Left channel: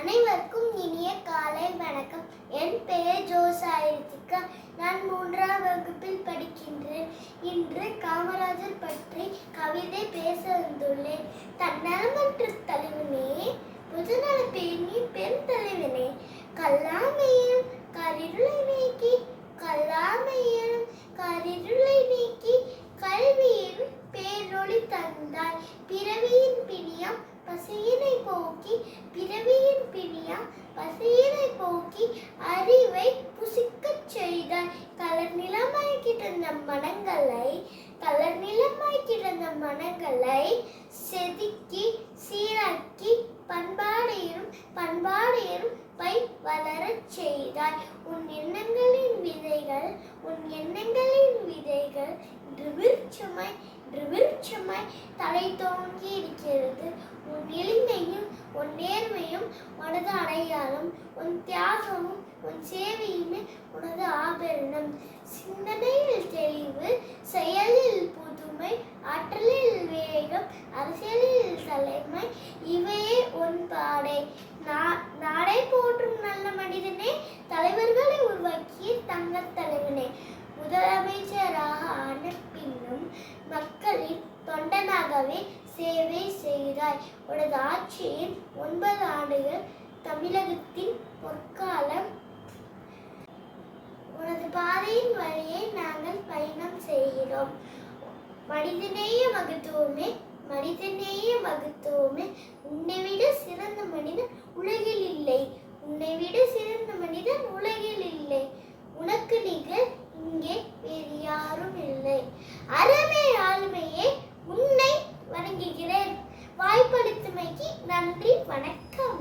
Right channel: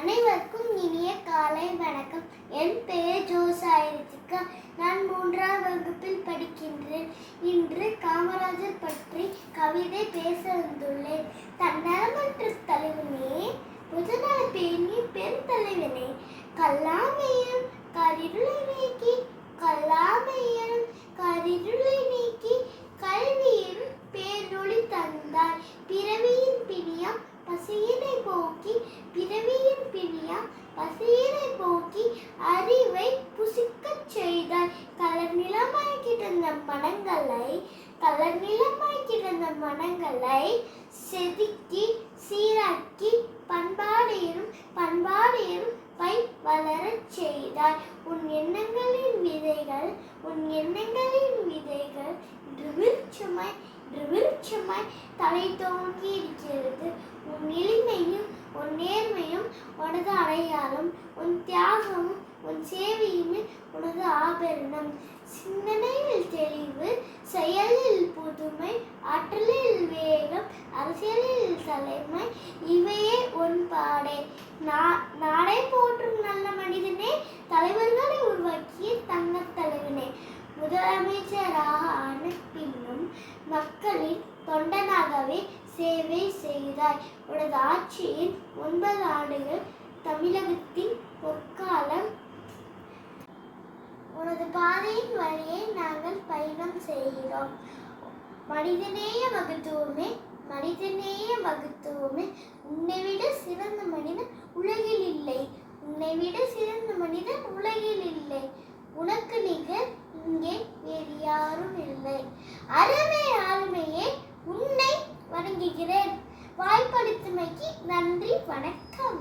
அனைவருக்கும் இனிய காலை வணக்கம். என் பெயர் ஜோசாயிருத்துக்கா நான் மூன்றாம் வகுப்பில் படிக்கின்றேன். இன்று காமராஜர் பற்றி கவிதை பேச வந்துள்ளேன் தன்னலமற்ற தலைவனே புதுநல பேணி பெண் தலைவனே கல்லாமையிலும் கரிருளை நீக்கி பசியினை போக்கி அறிவை புசிக்கச் செய்தாய். கலர் நிலமாய் கிடந்த மனங்களை கலர் நிலமாய் கிடந்த மனங்களை செதுக்கி சீராக்கி பண்பாடையும் பண்பாடையும் பை வளரச் செய்தாய். உன் எண்ணங்களின் விதைகள் உன் எண்ணங்களின் விதைகள் இன்று விருட்சமாய் விருட்சமாய் தலை தோங்கி இருக்கிறது உன் எளிமையும் உன் உனது அடையாளம் உன் தியாகமும் உன் சேவையுமே உனது ஆபரணம். சிந்தனையில் தெளிவு செயலில் புதுமை ஆற்றலில் வேகம் அரசியலில் தலைமை இவையே உன் பாடை. நா- நாடை போற்றும் நல்ல மனிதனே தலைவர்களை உருவாக்கிய தங்கத் தலைவனே. முதலமைச்சராக ஆன பின்னும் மக்களின் தொண்டனாகவே சேவை செய்தாய். உனது ஆட்சியின் ஒன்பது ஆண்டுகள் தமிழகத்தின் பொற்காலம். உனது பாதையின் வழியை நாங்கள் பயணம் செய்கிறோம். மனிதநேய மகத்துவமே மனிதநேய மகத்துவமே. உன்னை விட சிறந்த மனிதன் உலகில் இல்லை. உன்னை விட சிறந்த மனிதன் உலகில் இல்லை. உனக்கு நிகர் இங்கே வேறு யாரும் இல்லை. அருமை ஆளுமையே உன்னை வணங்குகிறேன். வாய்ப்பளித்தமைக்கு நன்றி வணக்கம்.